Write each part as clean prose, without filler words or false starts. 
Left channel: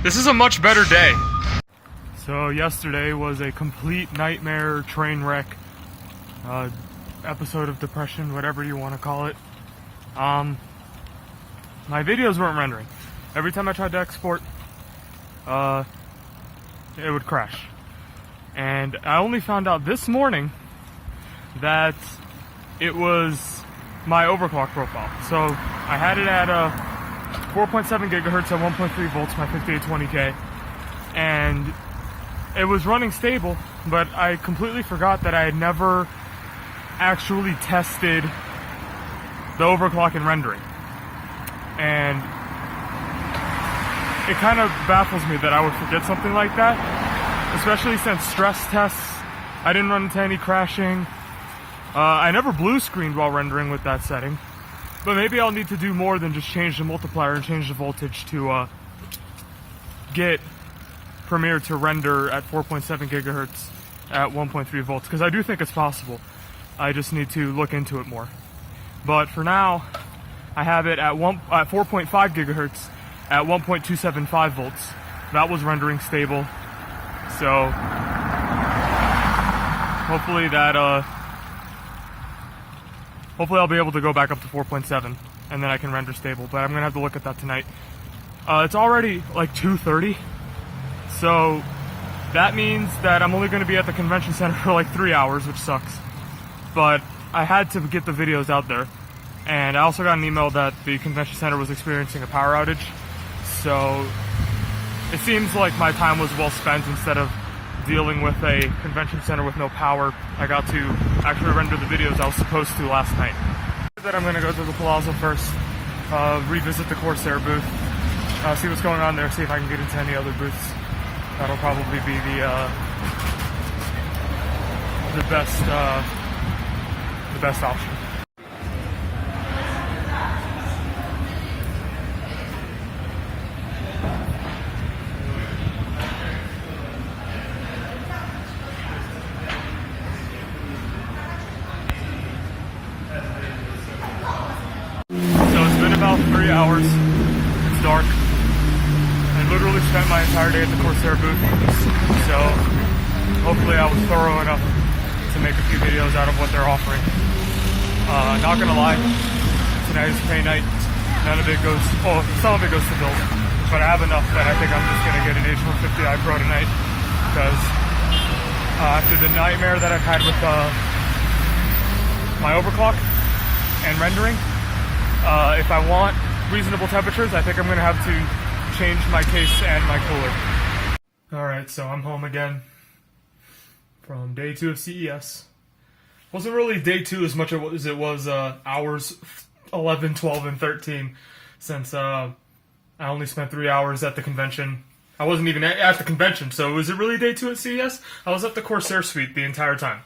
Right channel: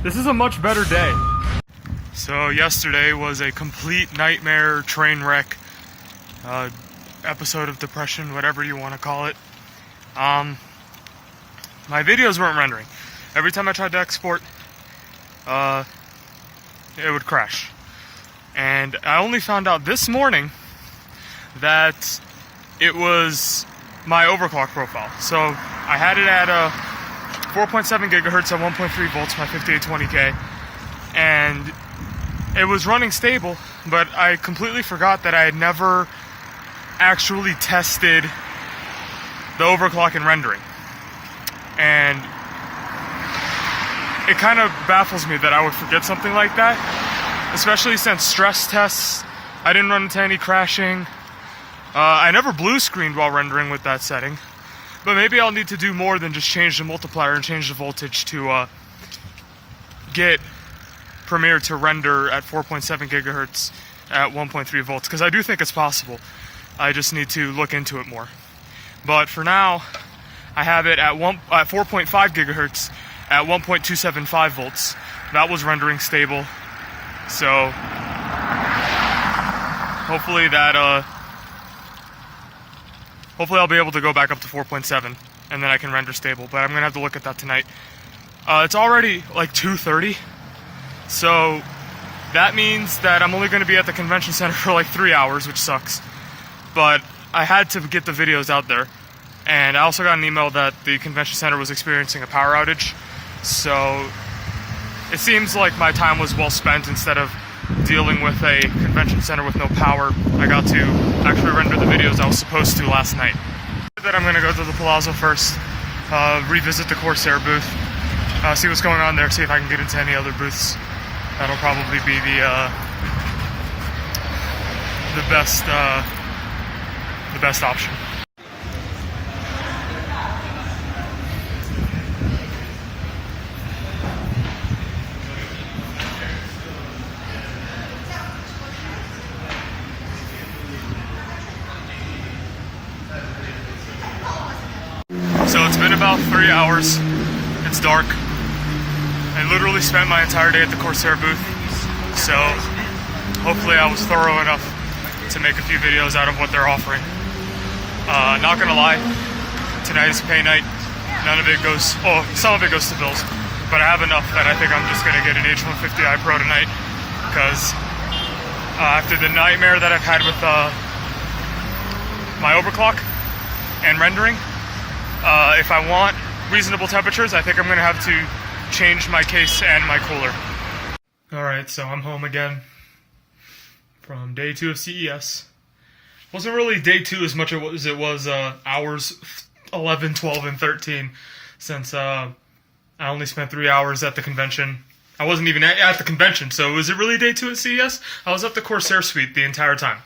This is a much better day. So yesterday was a complete nightmare, train wreck, episode of depression, whatever you want to call it. My videos weren't rendering. Every time I tried to export, it would crash. And I only found out this morning that it was my overclock profile. So I had it at 4.7 gigahertz at 1.3 volts, my 5820K, and it was running stable, but I completely forgot that I had never actually tested the overclock and rendering. And it kind of baffles me that I would forget something like that, especially since stress tests, I didn't run into any crashing. I never blue screened while rendering with that setting, but maybe I'll need to do more than just change the multiplier and change the voltage to get Premiere to render at 4.7 gigahertz at 1.3 volts, because I do think it's possible. I just need to look into it more. But for now, I have it at 4.5 gigahertz at 1.275 volts. That was rendering stable. So hopefully hopefully I'll be able to go back up to 4.7 and then I can render stable, but I'm gonna have to look at that tonight. It's already like 2:30, so that means that I'm only gonna be at the convention center for like 3 hours, which sucks. But I had to get the videos out there, and I also got an email that the convention center was experiencing a power outage, so it seems like my time was well spent. Instead of dealing with a convention center with no power, I got to actually render the videos I was supposed to last night. That I'm gonna go to the Palazzo first, revisit the Corsair booth, see what's going on there, see if I can get into any other booths. That'll probably be the best option. So it's been about 3 hours. It's dark. I literally spent my entire day at the Corsair booth. So hopefully I was thorough enough to make a few videos out of what they're offering. Not gonna lie, tonight is pay night. None of it goes, some of it goes to bills, but I have enough that I think I'm just gonna get an H150i Pro tonight, because after the nightmare that I've had with my overclock and rendering, if I want reasonable temperatures, I think I'm gonna have to change my case and my cooler. Alright, so I'm home again from day 2 of CES. Wasn't really day 2 as much as it was hours 11, 12, and 13, since I only spent 3 hours at the convention. I wasn't even at the convention, so was it really day 2 at CES? I was at the Corsair suite the entire time.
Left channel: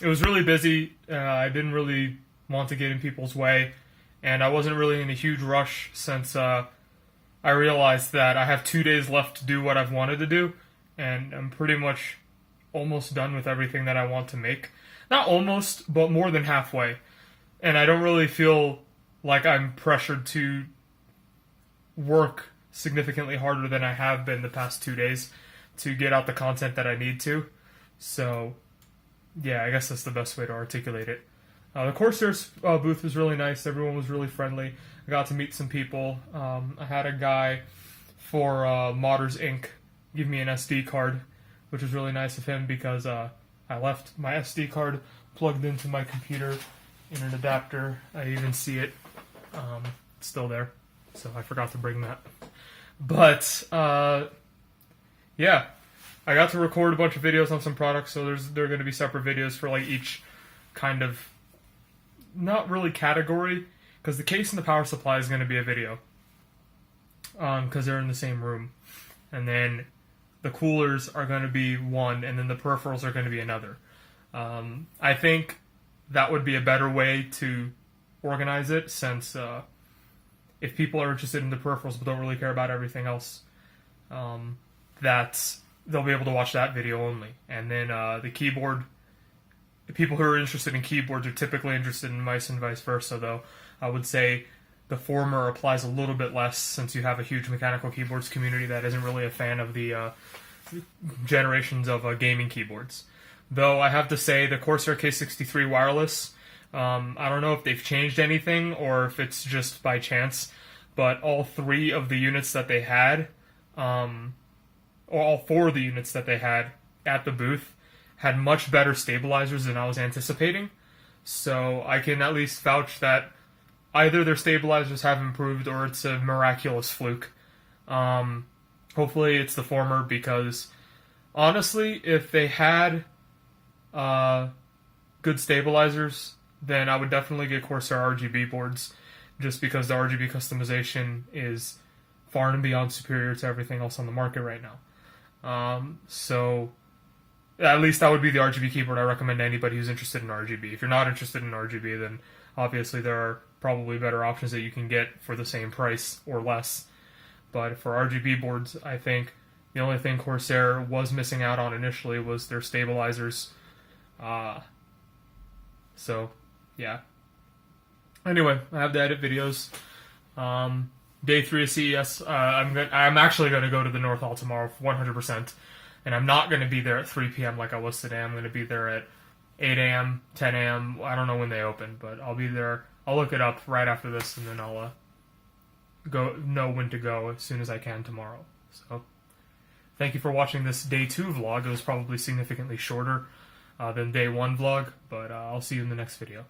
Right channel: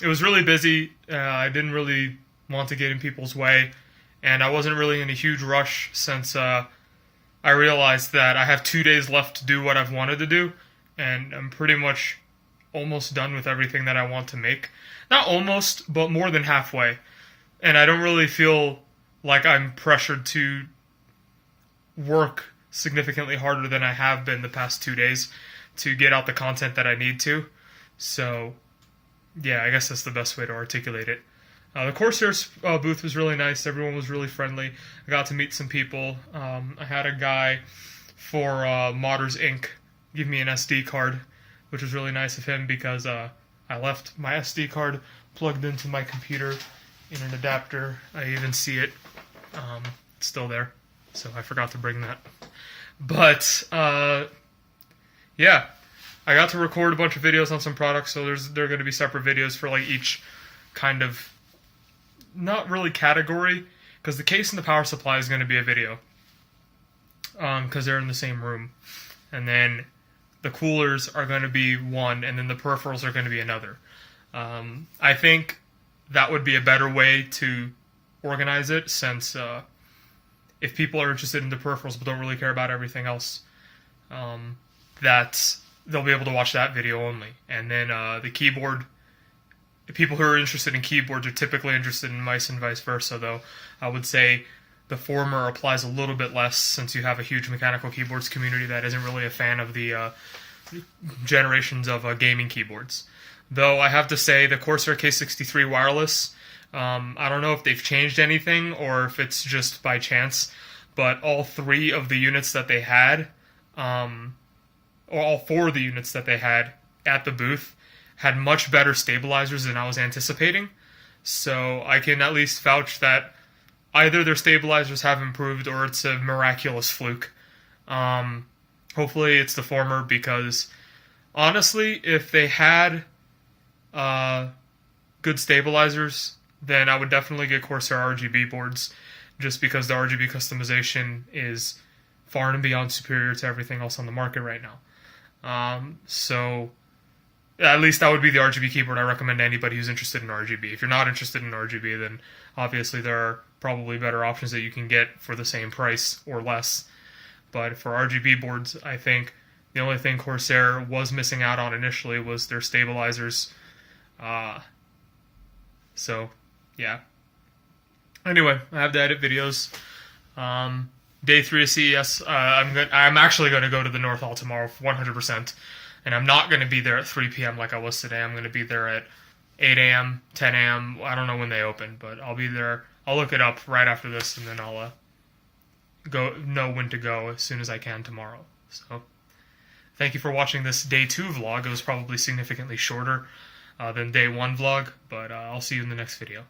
It was really busy. I didn't really want to get in people's way, and I wasn't really in a huge rush, since I realized that I have 2 days left to do what I've wanted to do, and I'm pretty much almost done with everything that I want to make. Not almost, but more than halfway. And I don't really feel like I'm pressured to work significantly harder than I have been the past 2 days to get out the content that I need to. So yeah, I guess that's the best way to articulate it. The Corsair booth was really nice. Everyone was really friendly. I got to meet some people. I had a guy for Modders Inc. give me an SD card, which was really nice of him, because I left my SD card plugged into my computer in an adapter. I even see it. It's still there, so I forgot to bring that. But yeah, I got to record a bunch of videos on some products, so there are going to be separate videos for like each kind of, not really category, because the case and the power supply is going to be a video, because they're in the same room, and then the coolers are going to be one, and then the peripherals are going to be another. I think that would be a better way to organize it, since if people are interested in the peripherals but don't really care about everything else, that they'll be able to watch that video only. And then the keyboard, the people who are interested in keyboards are typically interested in mice and vice versa, though I would say the former applies a little bit less since you have a huge mechanical keyboards community that isn't really a fan of the generations of gaming keyboards. Though I have to say the Corsair K63 wireless, I don't know if they've changed anything or if it's just by chance, but all three of the units that they had, or all four of the units that they had at the booth, had much better stabilizers than I was anticipating. So I can at least vouch that either their stabilizers have improved or it's a miraculous fluke. Hopefully it's the former, because honestly, if they had good stabilizers, then I would definitely get Corsair RGB boards, just because the RGB customization is far and beyond superior to everything else on the market right now. So at least that would be the RGB keyboard I recommend to anybody who's interested in RGB. If you're not interested in RGB, then obviously there are probably better options that you can get for the same price or less. But for RGB boards, I think the only thing Corsair was missing out on initially was their stabilizers. So, yeah. Anyway, I have to edit videos. Day 3 of CES, I'm actually going to go to the North Hall tomorrow, 100%. And I'm not going to be there at 3 p.m. like I was today. I'm going to be there at 8 a.m., 10 a.m. I don't know when they open, but I'll be there. I'll look it up right after this, and then I'll know when to go as soon as I can tomorrow. So, thank you for watching this Day 2 vlog. It was probably significantly shorter than Day 1 vlog, but I'll see you in the next video.